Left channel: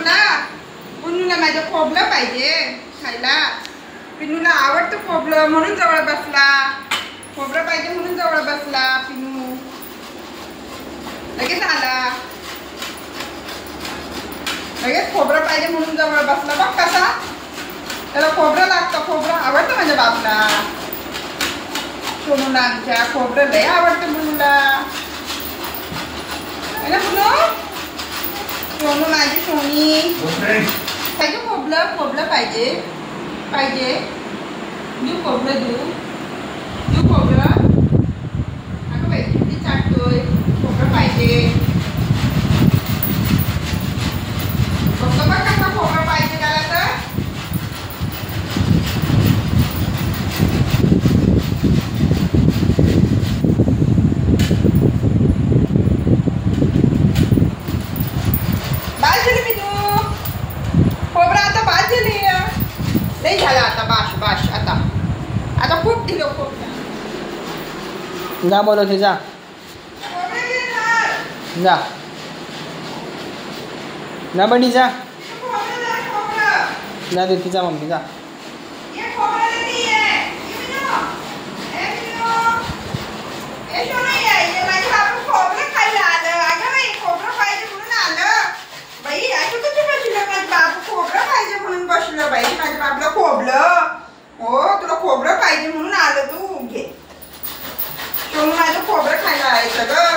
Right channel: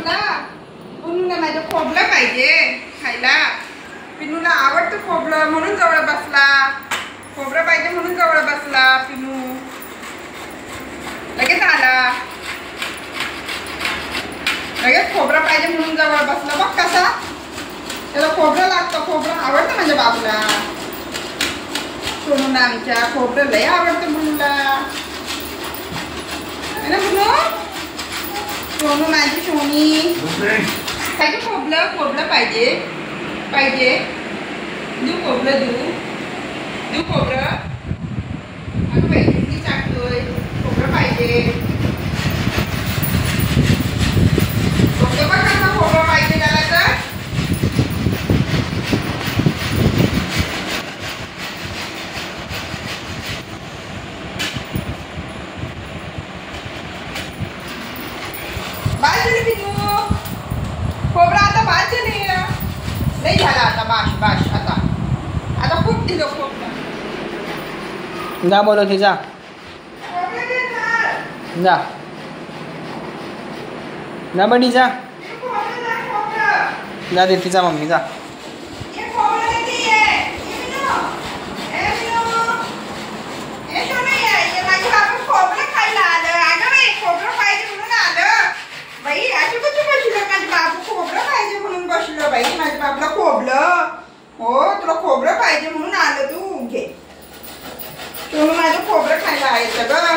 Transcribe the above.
तुला? पुन्नूला माझं खोबलं पाहिजे खायला. पिन्नूला आवडतं खोबलं म्हणून जवळ बसला. खोबरं पाहिजे म्हणून जवळ बसला पिन्नू. लगेच आला. लगेच खोबरं पाहिजे म्हणून जवळ बसला. बघ कसा त्याला खोबरं लागतं. खोबरं आवडतं माझ्या बाबूला. सोनूला आमच्या खोबरं लय आवडतं मुलूला. है ना मुलं? सोनू माझी सोनी पाहिजे खोबलं. खोबलं पाहिजे पाहिजे. देऊ खोबरं देऊ खोबरं. अगं बाई किती चाटतोय. खोबरं पाहिजे. बघ कसं खोबरं पाहिजे त्याला तर. बास झाली पिनू. खोबरं आता बास झाली. लई झाला आता. बाश आता खूप दिलं खोबरं. जा बोलवते जा जा ना बनी जा जा देते जा मम्मी जा. बाई माझ्या बाबूला खोबलं. हो तुला खोबरं पाहिजे म्हणून आलं. तू घे. तू माझं खोबरं खायला आहे सगळं.